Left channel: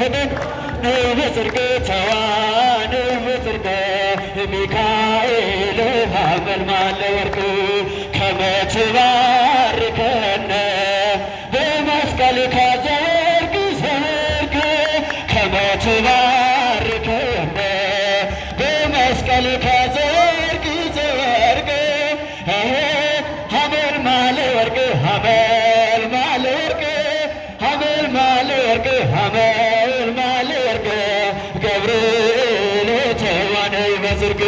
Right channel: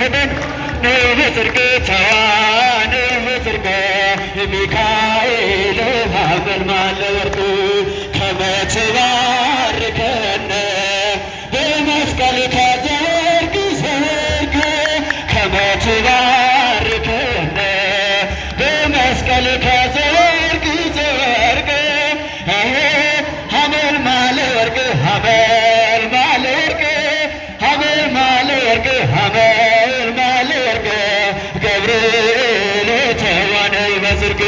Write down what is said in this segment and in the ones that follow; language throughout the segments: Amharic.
መጠን ነይ በጽድቅ ነይ በጽድቅ ሚካኤል ሀመልማለ ወርቅ ከመ ትባርከነ በመስቀልከ ዘወርቅ ዘወርቅ ከመ ትባርከነ በመስቀልከ ዘወርቅ ዘወርቅ ሀመልማለ ወርቅ ሀመልማለ ወርቅ ሀመልማለ ወርቅ ሀመልማለ ወርቅ ገብርኤል ተዋነይ በጽድቅ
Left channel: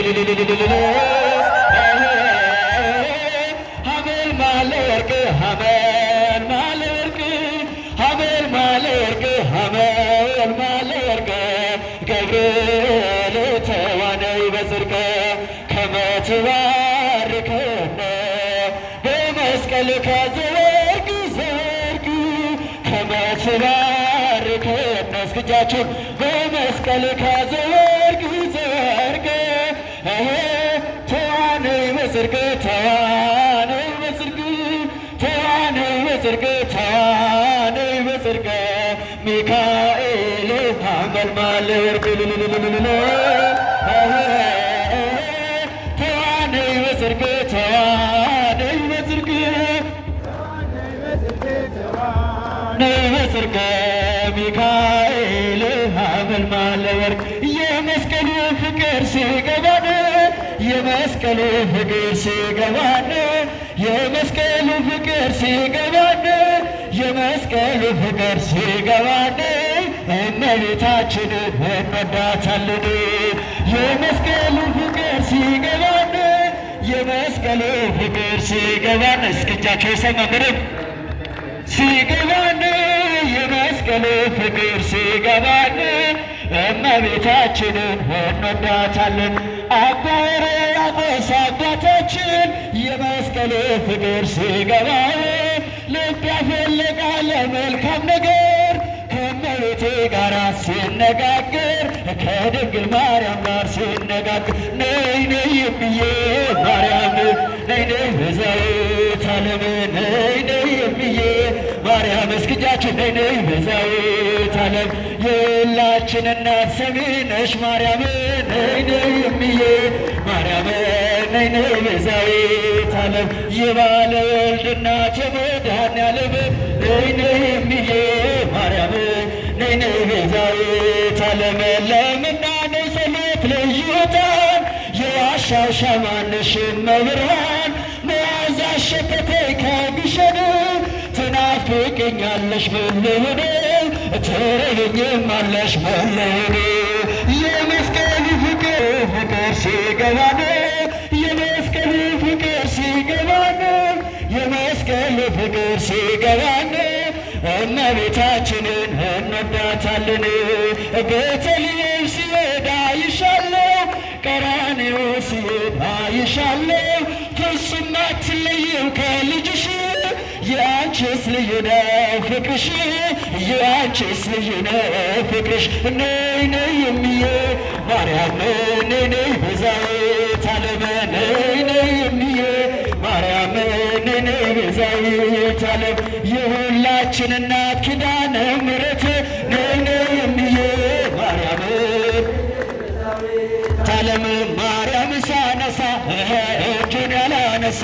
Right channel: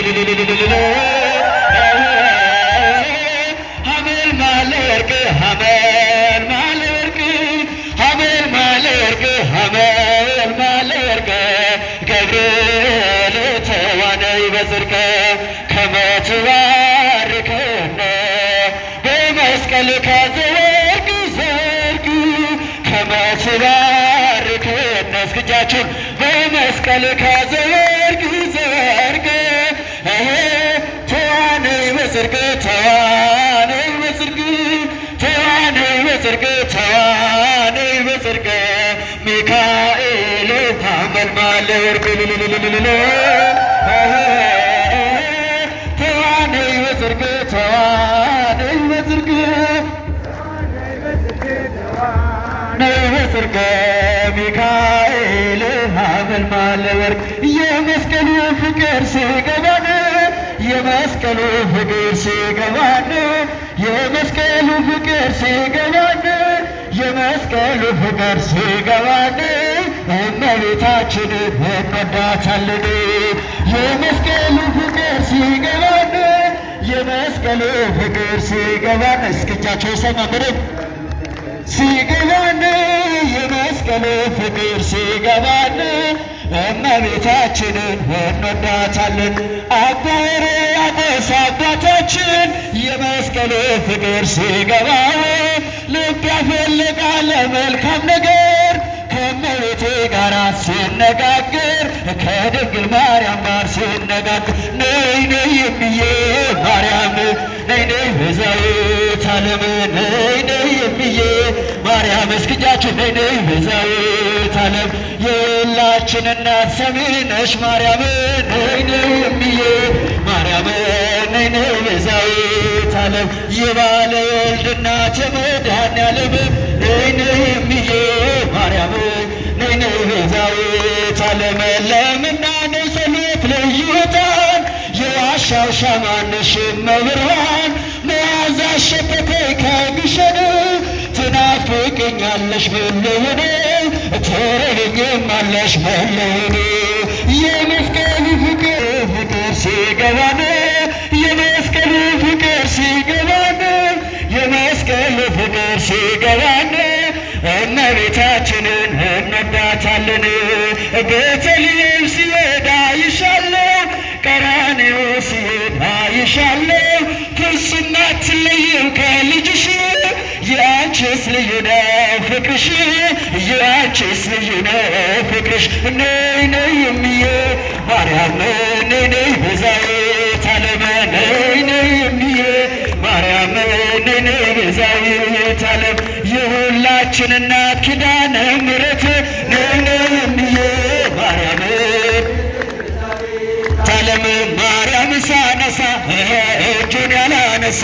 ሀመልማለ ወርቅ ሀመልማለ ወርቅ ሀመልማለ ወርቅ ሀመልማለ ወርቅ ገብርኤል ተዋነይ በጽድቅ ከመ ትባርከነ በመስቀልከ ዘወርቅ ዘወርቅ ከመ ትባርከነ እስኪ እጃችሁን በመስቀልከ ዘወርቅ ዘወርቅ ተዋነይ በጽድቅ ተዋነይ በጽድቅ ተዋነይ በጽድቅ ተዋነይ በጽድቅ ሚካኤል ሀመልማለ ወርቅ ተዋነይ በጽድቅ ተዋነይ በጽድቅ ነይ በጽድቅ ሚካኤል ሀመልማለ ወርቅ የመስቀሉ ፍቅር ሲገባን የመስቀሉ ፍቅር ሲገባን የመስቀሉ ፍቅር ሲገባን የመስቀሉ ፍቅር ሲገባን እመቤታችንን እንወዳታለን። የመስቀሉ ፍቅር ሲገባን የመስቀሉ ፍቅር ሲገባን እስኪ እጃቸው ይሰማምርም ሲገባን የመስቀሉ ፍቅር ሲገባን እመቤታችንን እንወዳታለን። አባ ሕርያቆስ አባታችን የመስቀሉ ፍቅር ሲገባው ልብ ያፈልቃል መልካም ነገር ከእመቤቴ ጋር ሲነጋገር ከድንግል ማርያም ጋር ሲነጋገር ነይ ነይ እምዬ ማርያም ነይ ነይ ቤዛዊተ ዓለም ነይ ነይ እምዬ ማርያም እስኪ እጃችሁ ነይ ነይ ቤዛዊተ ዓለም የሁላችን እናት ሰሚ ነሽ ማርያም ነይ ነይ እምዬ ማርያም ነይ ነይ ቤዛዊተ ዓለም የባለ ወልድ እናት የመድኃኔዓለም ነይ ነይ እምዬ ማርያም ነይ ነይ ቤዛዊተ ዓለም ለምናኔ ጸሎት ልዩ ዕጣን የዋሻው ሻማ ነሽ እመብርሃን መዓዛ ሸተተኝ ከግሸን ትናፍቅኛለሽ መለወኔ ትረበኝማለሽ መለወኔ የመስቀሉ ፍቅር ፍቅር ሲገባን የመስቀሉ ፍቅር ሲገባን የመስቀሉ ፍቅር ሲገባን እመቤታችንን እንወዳታለን። ቤተልሔም ሲሄድ አይሻለሁ ቀራንዮ ሲሄድ አይሻለሁ ፍጹም አትለይም ከልጅሽ የአንቺስ ልዩ ነው ፍቅርሽ የአንቺስ ልዩ ነው ፍቅርሽ ነይ ነይ እምዬ ማርያም ነይ ነይ ቤዛዊተ ዓለም ነይ ነይ እምዬ ማርያም ነይ ነይ ቤዛዊተ ዓለም የሁላችን እናት ኪዳነ ምሕረት ነይ ነይ እምዬ ማርያም ዓለም ማርያም ሳነሳ እጁን ያላነሳ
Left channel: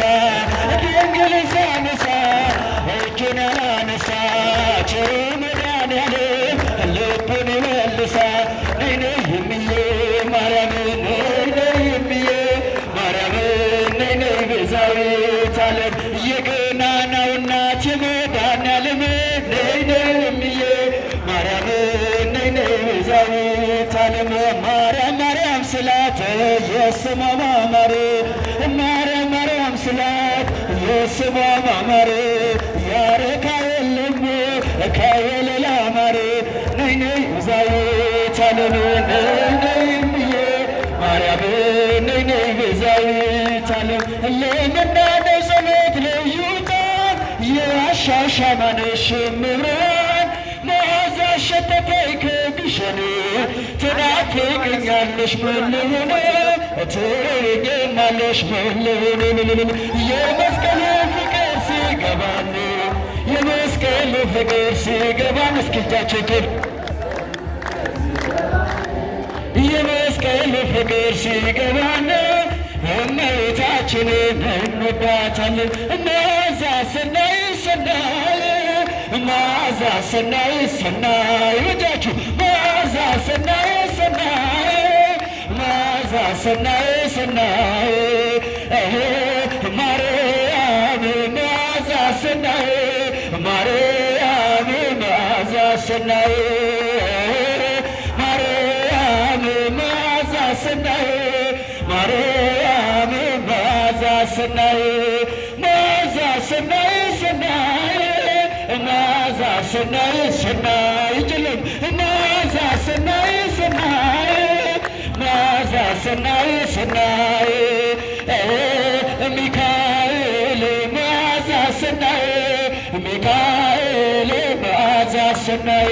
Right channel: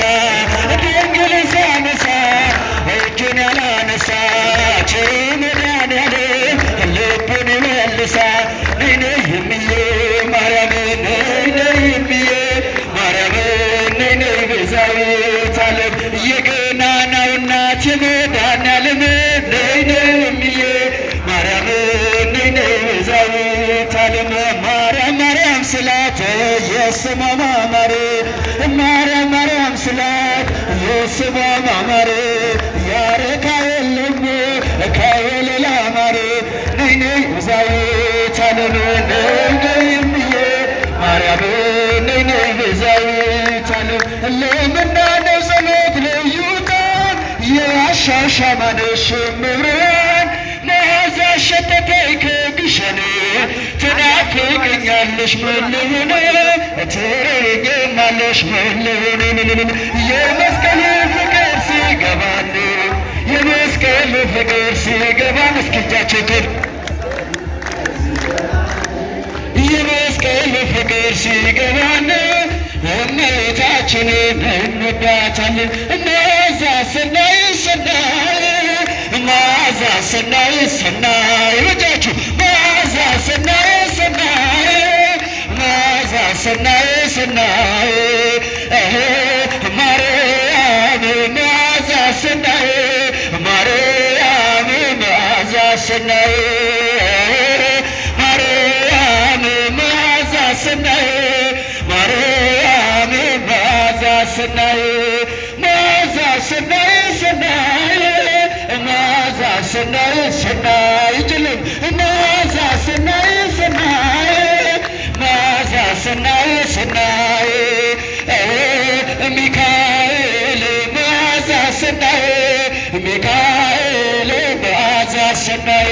ድንግል ሳነሳ እጁን ያላነሳ መድኃኔዓለም ልቡን ይመልሳ ነይ ነይ እምዬ ማርያም ነይ ነይ እምዬ ማርያም ነይ ነይ ቤዛዊተ ዓለም የገናናው እናት የመድኃኔዓለም ነይ ነይ እምዬ ማርያም ነይ ነይ ቤዛዊተ ዓለም ማርያም ማርያም ስላት የስሟ ማማር ማርያም ማርያም ስላት የስሟ ማማር ያረካ የለም ከወለላ ማር ነይ ነይ ቤዛዊተ ዓለም ነይ ነይ እምዬ ማርያም ነይ ነይ ቤዛዊተ ዓለም ለምናኔው ጸሎት ልዩ ዕጣን የዋሻው ሻማ ነሽ እመብርሃን መዓዛ ሸተተኝ ከግሸን ትናፍቅኛለሽ መለወኔ ትረበኝማለሽ መለወኔ የመስቀሉ ፍቅር ሲገባን የመስቀሉ ፍቅር ሲገባን እስኪ እጃችን ጥልቅ ፍቅር ሲገባን እመቤታችንን እንወዳታለን። መዓዛ ሰናይ ሰናይ መዓዛ ሰናይ ሰናይ ልጃችሁ መዓዛ ሰናይ ሰናይ መዓዛ ሰናይ ሰናይ ማርያም መዓዛ ሰናይ ማርያም መዓዛ ሰናይ ማርያም መዓዛ ሰናይ ማርያም መዓዛ ሰናይ መዓዛ ሰናይ ሰናይ መዓዛ ሰናይ ሰናይ ጭልም መዓዛ ሰናይ ሰናይ መዓዛ ሰናይ ሰናይ ሚካኤል መዓዛ ሰናይ ሚካኤል መዓዛ ሰናይ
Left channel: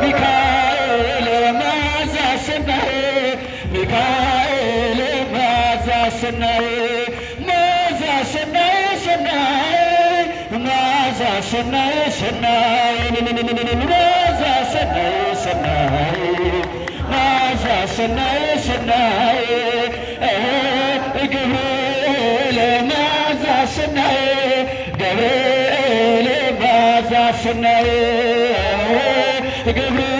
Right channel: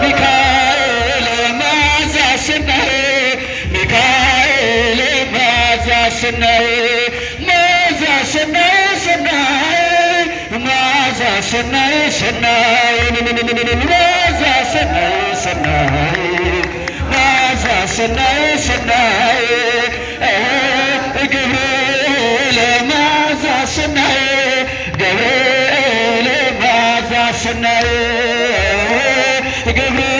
ሚካኤል መዓዛ ሰናይ ሚካኤል መዓዛ ሰናይ መዓዛ ሰናይ ሰናይ መዓዛ ሰናይ ሰናይ መዓዛ ሰናይ ሰናይ መዓዛ ሰናይ ሰናይ ገብርኤል መዓዛ ሰናይ ገብርኤል መዓዛ ሰናይ ገብርኤል